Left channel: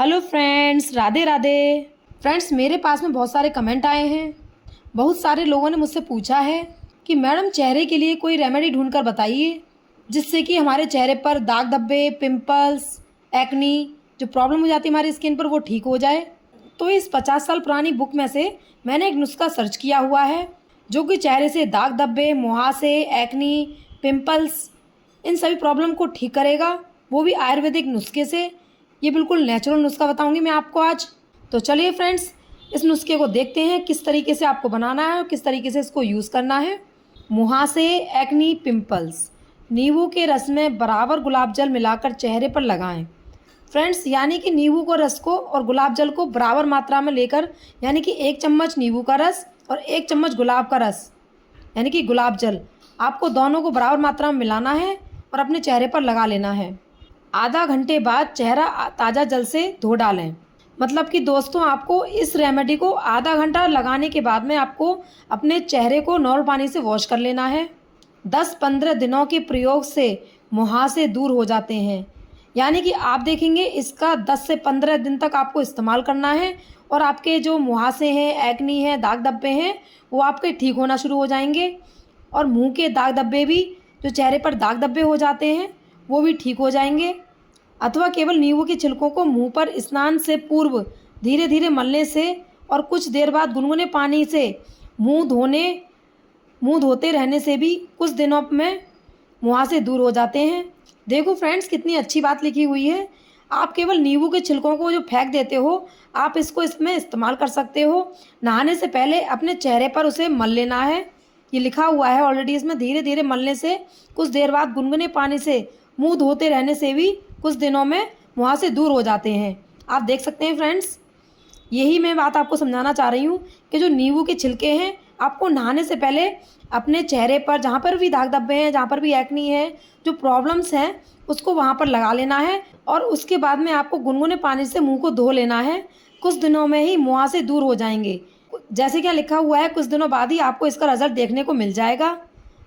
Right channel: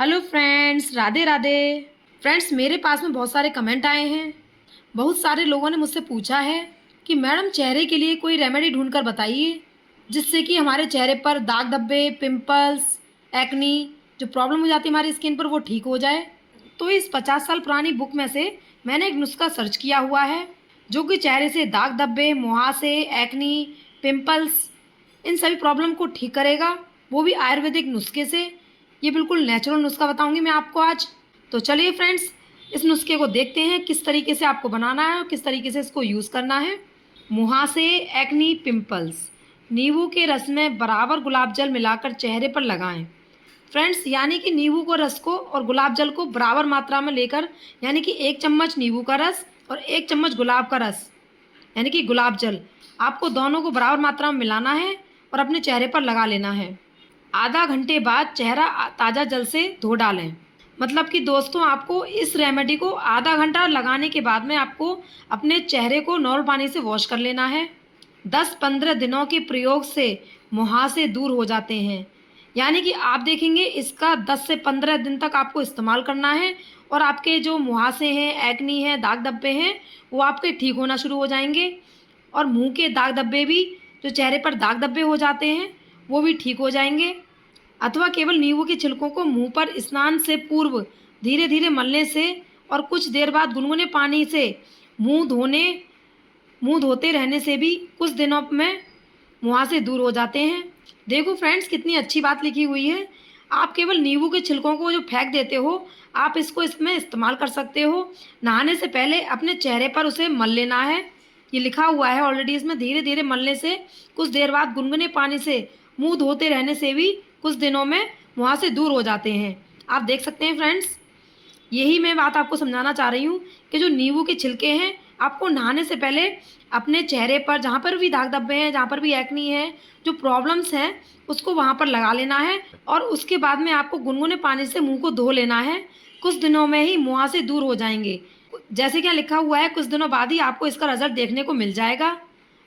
Hello friends, Radhe Radhe. Friends, मेरे पास में बहुत सारे कमेंट आए हैं। बहुत सारे लोगों ने मुझसे पूछा है कि मैडम चेहरे के लिए कोई रेमेडी ढूंढ कर बताइए जिससे कि हमारे चेहरे पर दाग धब्बे, पिंपल्स, एक्नी जो प्रॉब्लम हो जाती है हमारी स्किन पर वो ठीक हो जाए। तो इस 50 साल पुरानी बुक में से मैंने एक नुस्खा सर्च किया हुआ है जो कि चेहरे से दाग धब्बे, मुहासे, एक्नी, पिंपल्स इन सभी प्रॉब्लम को ठीक करेगा, वो भी आयुर्वेदिक नुस्खे से। ये बिल्कुल नेचुरल नुस्खा बताऊंगी मैं आपको आज। तो चलिए फ्रेंड्स, इस नुस्खे को देखते हैं किस तरीके से आपको बनाना है और किस तरीके से इसको यूज़ करना है। मुहासे, एक्नी, पिंपल्स, नींबू के रस में बराबर गुलाब जल मिलाकर चेहरे पर लगाएं। फ्रेंड्स, यानी कि नींबू को रस को और गुलाब जल को बराबर मात्रा में लेकर, यानी कि 1 चम्मच नींबू का रस और 1 चम्मच गुलाब का रस यानी कि गुलाब जल, आपको दोनों को बराबर मात्रा में मिलाना है और अपने चेहरे पर लगा लेना है। आधा घंटे बाद चेहरा ताज़ा जल से धो डालें। मतलब कि दोस्तों, आपको इस रेमेडी को आधा घंटा लगाने के बाद में आपको अपने चेहरे को नॉर्मल पानी से वॉश कर लेना है। 10-15 दिनों के प्रयोग से मुहासे दूर हो जाते हैं। यानी कि आप देखेंगे इसका 10 से 15 दिन तक आपको इस्तेमाल करना है और आपके जो मुहासे हैं, एक्नी है, दाग धब्बे हैं, वो आपके ठीक होना शुरू हो जाएंगे। और मुंह के दाग धब्बे भी, जो चेहरे पर दाग धब्बे हो जाते हैं, वो भी ठीक हो जाएंगे। अथवा केवल नींबू के छिलकों को मुंह पर स्नान से पूर्व धीरे धीरे मलने से और कुछ देर बाद गुनगुने पानी से मुंह धोने मुंह धोते रहने से भी कुछ दिनों में मुहासे दूर हो जाते हैं। देखो फ्रेंड्स, कितनी अच्छी बात लिखी हुई है। आप केवल नींबू के छिलकों को जो फेंक देते हो, आप इसको इसमें इस्तेमाल कर सकते हो। नहाने से पहले अपने चेहरे पर उसे मल लेना है। ये लिखा हुआ है ऑलरेडी इसमें, धीरे धीरे मलने से कुछ देर बाद गुनगुने पानी से मुंह धोते रहने से भी कुछ दिनों में मुहासे दूर हो जाते हैं। आप देख सकते हैं फ्रेंड्स, यही मैं बात आपको समझाना चाह रही हूँ कि जो नींबू के छिलके हैं, आपको नहाने से पहले अपने चेहरे पर जहाँ पर भी दाग धब्बे हैं, जहाँ पर भी एक्नी है, जो प्रॉब्लम्स हैं, उसको वहाँ पर लगा लेना है और उसके बाद में आपको गुनगुने पानी से मुंह को धो लेना है। कुछ दिनों में ही मुहासे दूर हो जाएंगे। जैसे क्या लिखा हुआ है, कुछ दिनों बाद ही आपको इसका रिजल्ट देखने को मिल जाएगा।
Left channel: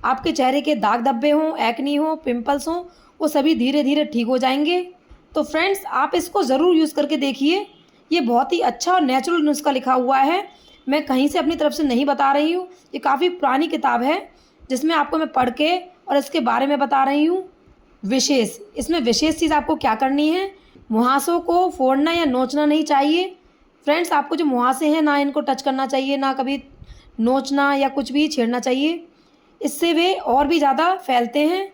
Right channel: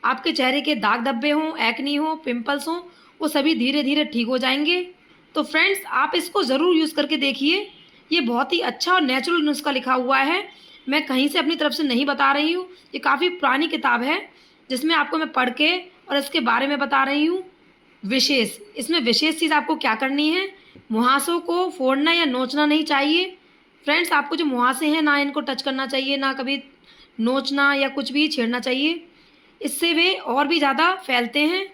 आपके चेहरे के दाग धब्बे हों, एक्नी हो, पिंपल्स हों, वो सभी धीरे धीरे ठीक हो जाएंगे। तो फ्रेंड्स, आप इसको ज़रूर यूज़ करके देखिए। ये बहुत ही अच्छा और नेचुरल नुस्खा लिखा हुआ है। मैं कहीं से अपनी तरफ से नहीं बता रही हूँ। ये काफ़ी पुरानी किताब है जिसमें आपको मैं पढ़ के और इसके बारे में बता रही हूँ। इसमें विशेष चीज़ आपको क्या करनी है, मुहासों को फोड़ना या नोचना नहीं चाहिए। फ्रेंड्स, आपको जो मुहासे हैं, ना इनको टच करना चाहिए, ना कभी नोचना या कुछ भी छेड़ना चाहिए। इससे वे और भी ज़्यादा फैलते हैं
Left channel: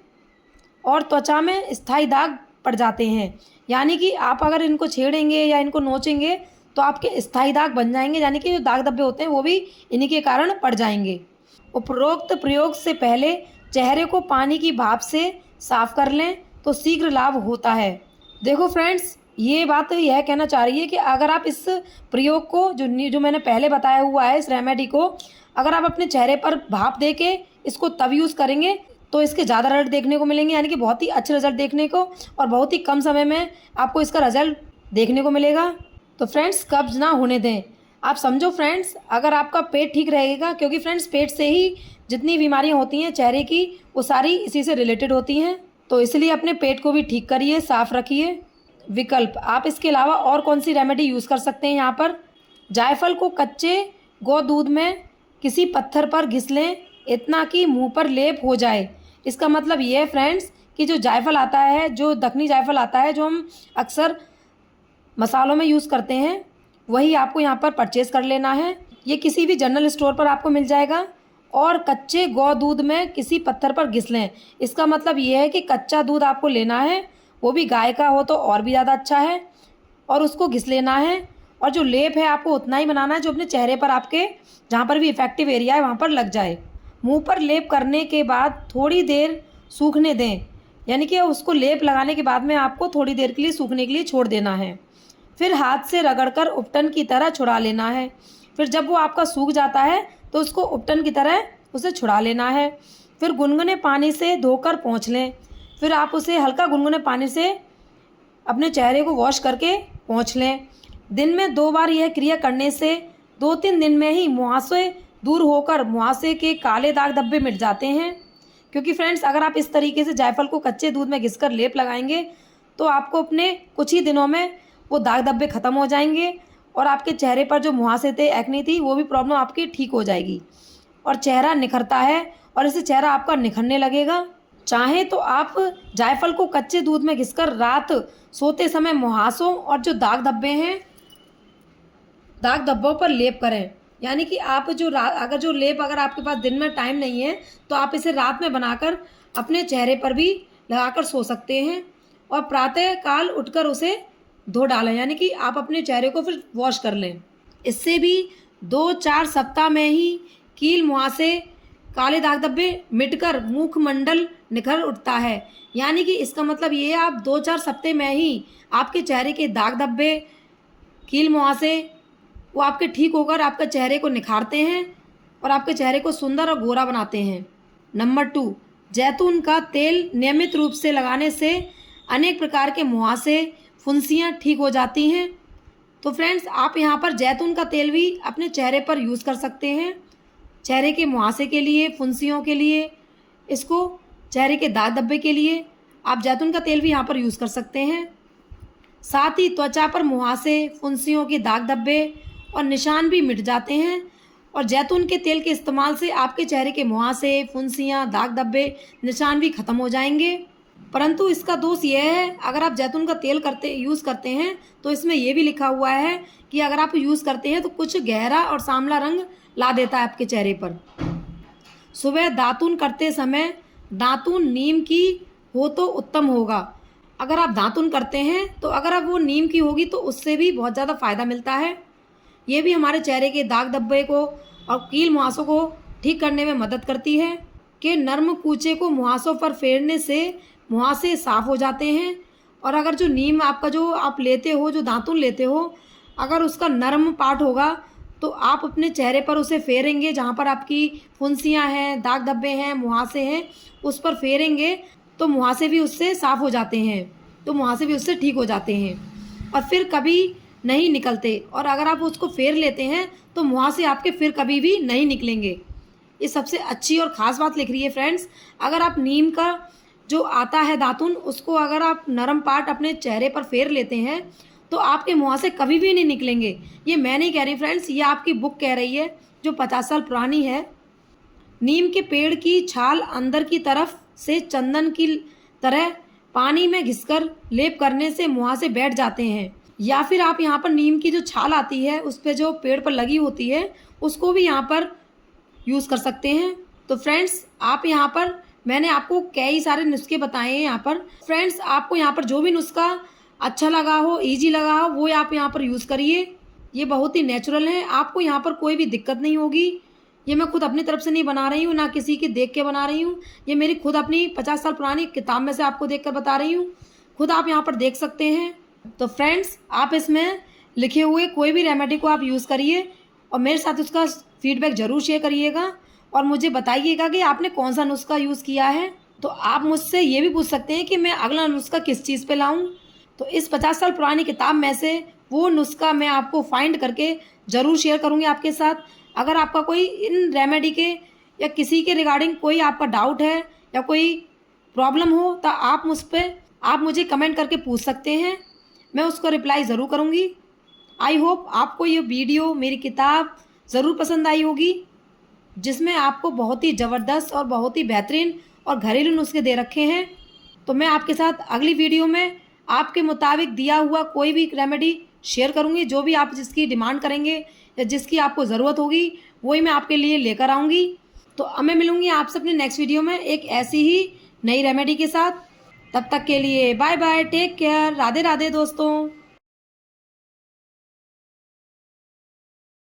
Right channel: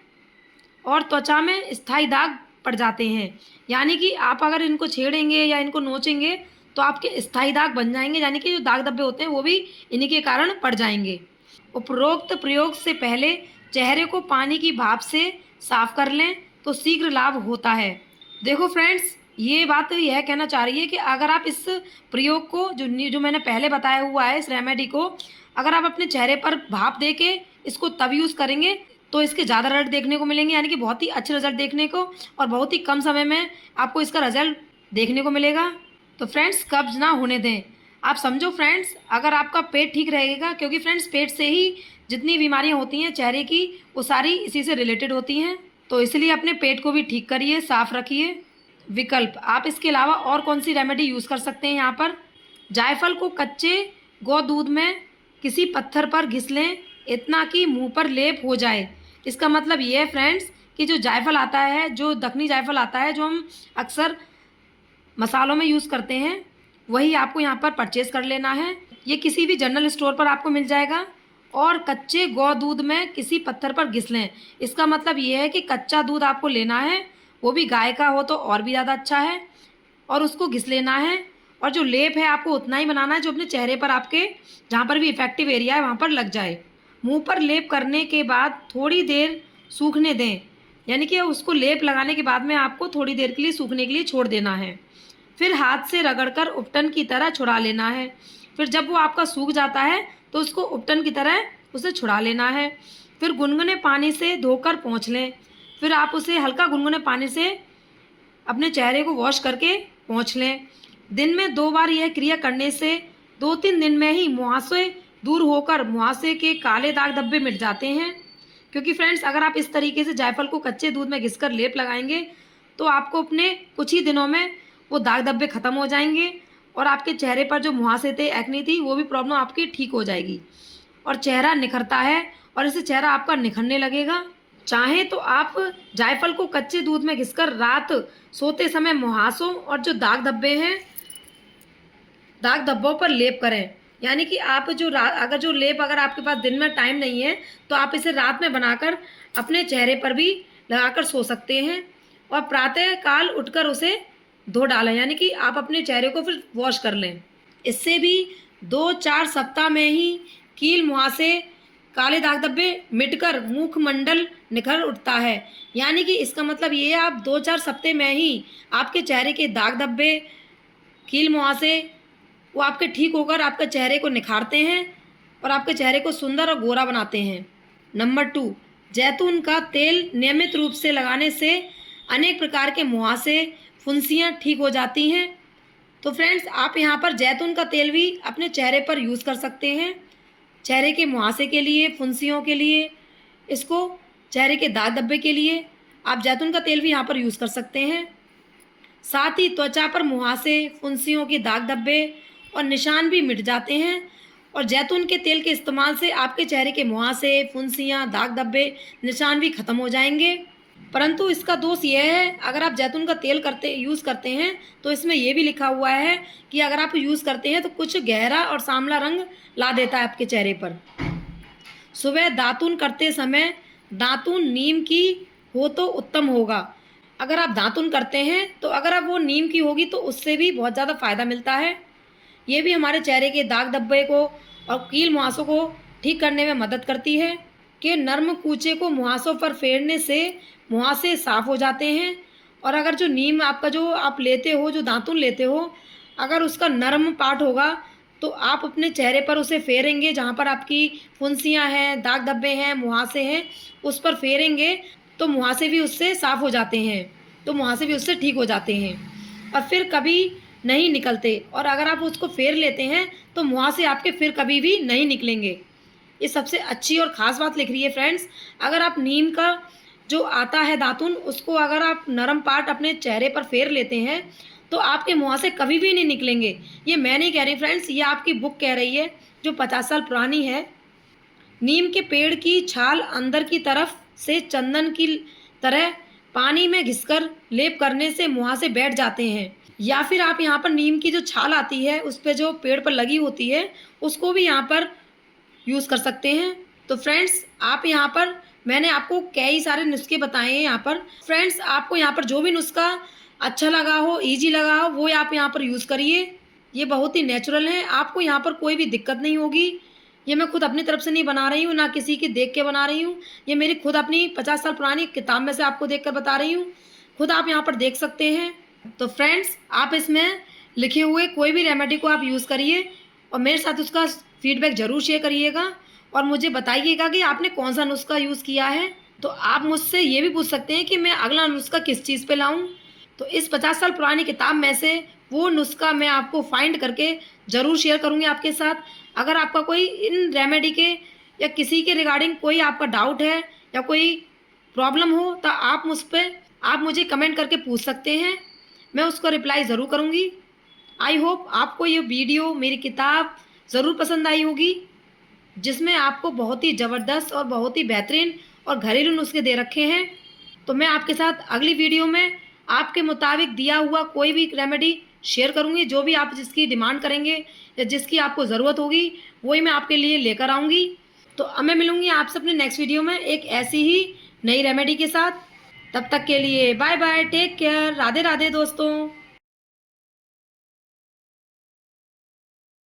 और त्वचा में स्थायी दाग पड़ जाते हैं। यानी कि आप अगर इनको छेड़ेंगे या इनको नोचेंगे तो आपके स्थायी दाग बन जाएंगे, यानी कि जो दाग धब्बे होते हैं वो भी इन्हीं के कारण पड़ जाएंगे। उपरोक्त प्रयोग से पहले चेहरे को पानी की भाप से साफ कर लें तो शीघ्र लाभ होता है। देखो फ्रेंड्स, ये बात यह कहना चाह रही है कि अगर आप इस प्रयोग को जो मैंने पहले बताया हुआ है, इस रेमेडी को अगर आप अपने चेहरे पर भाप दे के इसको तब यूज़ करेंगे तो इसके ज़्यादा रिजल्ट देखने को मिलेंगे, यानी कि बहुत ही अच्छे रिजल्ट देखने को, और बहुत ही कम समय में आपको इसका रिजल्ट देखने को मिलेगा। तो फ्रेंड्स, कब्ज ना होने दें। आप समझो फ्रेंड्स, अगर आपका पेट ठीक रहेगा, क्योंकि फ्रेंड्स पेट से ही जितनी बीमारियां होती हैं चेहरे की, वो सारी इसी से रिलेटेड होती हैं। तो इसलिए अपने पेट को भी ठीक करिए, साफ रखिए। विकल्प, आप इसके अलावा और कौन सी रेमेडी यूज़ कर सकते हैं यहाँ पर। जायफल को कच्चे गौ दूध में किसी पत्थर पर घिस लें, इतना कि मुंह पर लेप हो जाए। इसका मतलब ये है फ्रेंड्स कि जो जायफल आता है, जो दखनी जायफल आता है, जो हम अक्सर मसालों में यूज़ करते हैं, वही आपको यहाँ पर परचेज़ कर लेना है। ये किसी भी जनरल स्टोर पर आपको मिल जाएगा। और कच्चे गौ दूध में किसी पत्थर पर घिस लें। इसका मतलब ये है कि कच्चा दूध आपको लेना है, वो भी गाय का हो तो और भी ज़्यादा अच्छा है, और उसको घिस लेना है। और जो लेप है आपको उतना ही बनाना है जो अपने चेहरे पर, आपके जहाँ पर भी इफेक्टिव एरिया है वहाँ पर लग जाए। मुंह पर लेप करने के बाद थोड़ी देर सूखने दें, यानी कि उसको लेप लगाने के बाद में आपको थोड़ी देर के लिए सूखने के लिए छोड़ देना है। फिर हाथ से रगड़कर उपटन की तरह छुड़ा लेना है। फिर जब वो आपका सूख जाता है तो उसको उपटन की तरह उसे छुड़ा लेना है। फिर गुनगुने पानी से धोकर पोंछ लें। फिर आप उसे हल्का गुनगुने पानी से अपने चेहरे को वॉश करके पोंछ लें। दिन में 2 बार यह क्रिया करने से 2-3 दिन में ही मुहासे दूर होकर मुहासे के काले दाग धब्बे मिट जाते हैं। क्योंकि फ्रेंड्स, अगर आप इस तरीके से जायफल को कच्चे दूध में घिसकर लेप लगाएंगे तो आपको अपने कुछ ही दिनों में वो दाग धब्बे ख़त्म हो जाएंगे और आपके चेहरे पर जो मुहासे थे, एक्ने थी, वो भी प्रॉब्लम आपकी ठीक हो जाएगी और चेहरा निखरता है और इससे चेहरा आपका निखरने लगेगा। चाहे तो आप जायफल को कच्चे दूध में घिसकर रात सोते समय मुहासों और जो दाग धब्बे हैं, दाग धब्बों पर लेप करें। यानी कि आप जो अगर जो लेप अगर आपके पास दिन में टाइम नहीं है तो आप इसे रात में बनाकर अपने चेहरे पर भी लगाकर सो सकते हैं और प्रातः काल उठकर उसे धो डालें, यानी कि आप अपने चेहरे को फिर वॉश कर लें। इससे भी 2-4 सप्ताह में ही कील मुहासे काले दाग धब्बे मिटकर मुखमंडल निखर उठता है। यानी कि इसका मतलब ये है आप 2-4 सप्ताह में ही आपके चेहरे के दाग धब्बे, कील मुहासे वो आपके ठीक होकर आपके चेहरे को निखारते हैं और आपके चेहरे को सुंदर और गोरा बनाते हैं। नंबर 2, जैतून का तेल नियमित रूप से लगाने से अनेक प्रकार के मुहासे, फुंसियाँ ठीक हो जाती हैं। तो फ्रेंड्स, आप यहाँ पर जैतून का तेल भी अपने चेहरे पर यूज़ कर सकते हैं, चेहरे के मुहासे के लिए, फुंसियों के लिए, इसको चेहरे के दाग धब्बे के लिए आप जैतून का तेल भी यहाँ पर यूज़ कर सकते हैं। साथ ही त्वचा पर मुहासे, फुंसियों के दाग धब्बे और निशान भी मिट जाते हैं और जैतून के तेल के इस्तेमाल से आपके चेहरे के मुहासे, फुंसियाँ, दाग धब्बे, निशान भी ख़त्म हो जाएंगे। परंतु इसका दोष यह है, अगर आप जैतून का तेल यूज़ करते हैं तो इसमें यह भी लिखा हुआ है कि अगर आप यूज़ करते हैं तो कुछ गहरा और सांवला रंग ला देता है आपके चेहरे पर। सुबह दातून करते समय दातून नीम की हो तो उत्तम होगा। अगर आप दातून करते हैं तो अगर आप वो नीम की होगी तो उससे भी बहुत ज़्यादा फ़ायदा मिलता है। ये भी हमारे चेहरे के दाग धब्बे को और कील मुहासों को ठीक करने में मदद करती है कि नर्म कूचे को मुहासों पर फेरने से मुहासे साफ़ हो जाते हैं। और अगर जो नीम आपका जो आप लेते हो, जो दातून लेते हो, अगर उसका नर्म पार्ट होगा तो आप अपने चेहरे पर उसे फेरेंगे, जहाँ पर आपकी फुंसियाँ हैं, दाग धब्बे हैं, मुहासे हैं, उस पर फेरेंगे तो मुहासे भी उससे साफ़ हो जाते हैं, तो मुहासे भी उससे ठीक हो जाते हैं और फिर कभी नहीं निकलते। और अगर आप उसको फेर लेते हैं तो मुहासे आपके फिर कभी भी नहीं निकलेंगे। ये सबसे अच्छी और ख़ास बात लिख रही है फ्रेंड्स। अगर आप नीम का जो आता है दातून, उसको अगर आप नरम पार्ट अपने चेहरे पर फेर लेते हैं तो आपके मुहासे कभी भी नहीं निकलेंगे। ये मैं नहीं कह रही फ्रेंड्स, ये आपकी बुक कह रही है जो 50 साल पुरानी है। नीम के पेड़ की छाल अंदर की तरफ से चंदन की तरह पानी में घिसकर लेप करने से मुहासे बैठ जाते हैं। या फिर आप यहाँ पर नीम की जो छाल आती है उस पर जो पेड़ पर लगी होती है उसको भी यहाँ पर यूज़ कर सकते हैं। तो फ्रेंड्स, आप यहाँ पर मैंने आपको कई सारे नुस्खे बताए हैं। यहाँ पर फ्रेंड्स, आपको यहाँ पर जो भी नुस्खा अच्छा लगा हो, इजी लगा हो, वो आप यहाँ पर यूज़ करिए। ये बहुत ही नेचुरल है, आपको यहाँ पर कोई भी दिक्कत नहीं होगी। ये मैं खुद अपनी तरफ से नहीं बना रही हूँ, ना किसी के देख के बना रही हूँ। ये मेरी खुद अपनी 50 साल पुरानी किताब में से आपको देखकर बता रही हूँ। खुद आप यहाँ पर देख सकते हैं। तो फ्रेंड्स, आप इसमें लिखे हुए कोई भी रेमेडी को आप यूज़ करिए और मेरे साथ उसका फीडबैक ज़रूर शेयर करिएगा और मुझे बताइएगा कि आपने कौन सा नुस्खा यूज़ किया है। तो आप मुझसे ये भी पूछ सकते हैं कि मैं अगला नुस्खा किस चीज़ पे लाऊं। तो इस 50 साल पुरानी किताब में से वो नुस्खा मैं आपको फाइंड करके ज़रूर शेयर करूँगी आपके साथ। अगर आपका कोई इन रेमेडी के या किसी के रिगार्डिंग कोई आपका डाउट है या कोई प्रॉब्लम हो तो आप मुझे कमेंट करके पूछ सकते हैं, मैं उसको रिप्लाई ज़रूर करूँगी। आई होप आपको ये वीडियो, मेरी किताब ज़रूर पसंद आई होगी, जिसमें आपको बहुत ही ज़बरदस्त और बहुत ही बेहतरीन और घरेलू नुस्खे दे रखे हैं। तो मैं आपके साथ अगली वीडियो में आपके मुताबिक दिया हुआ कोई भी रेमेडी शेयर करूँगी। जो भी आप जिसकी डिमांड करेंगे या जिसकी आपको ज़रूरत होगी वही मैं आपके लिए लेकर आऊँगी। तो अब मैं मिलूँगी आपसे अपने नेक्स्ट वीडियो में एक ऐसी ही नई रेमेडी के साथ। तब तक के लिए bye bye, take care, Radhe Radhe दोस्तों।